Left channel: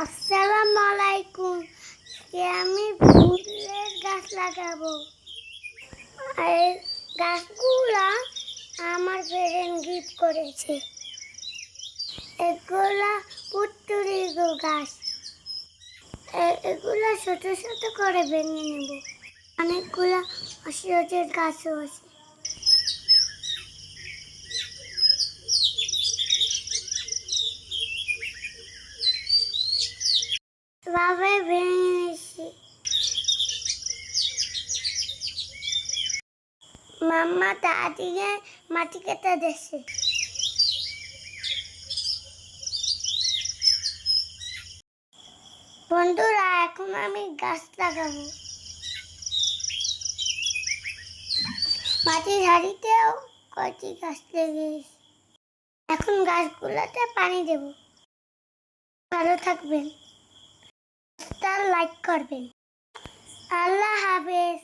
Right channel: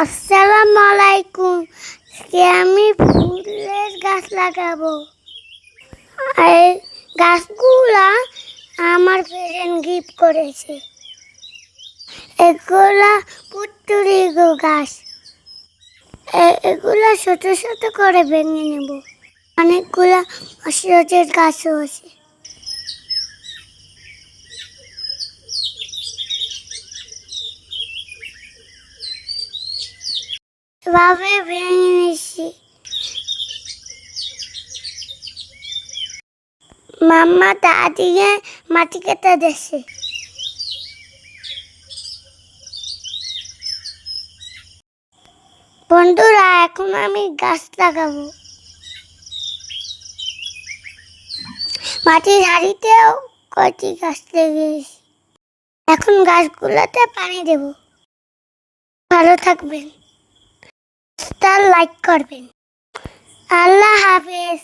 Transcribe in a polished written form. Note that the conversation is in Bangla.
আসসালামু আলাইকুম। আজকে আমি ফুলের গাছ লাগাবো। এই গাছগুলা আমার ফ্রেন্ড গিফট করেছে। এগুলা পুতুরি গাছ। এগুলা ছোট ছোট করে ভেঙে নেব। অনেকগুলা ঔষধের গাছও আছে। এভাবে ভেঙে নিচ্ছি। মাম্মা দাদিকে মাটি কেটে দিচ্ছে। বন্ধুরা, এখন আমি গাছ লাগাবো। মাটির হাঁড়িতেও কয়টি গাছ লেগেছে। এখন গাছগুলোতে পানি দেব। ভালো থাকবেন, লাইক করবেন। আল্লাহ হাফেজ।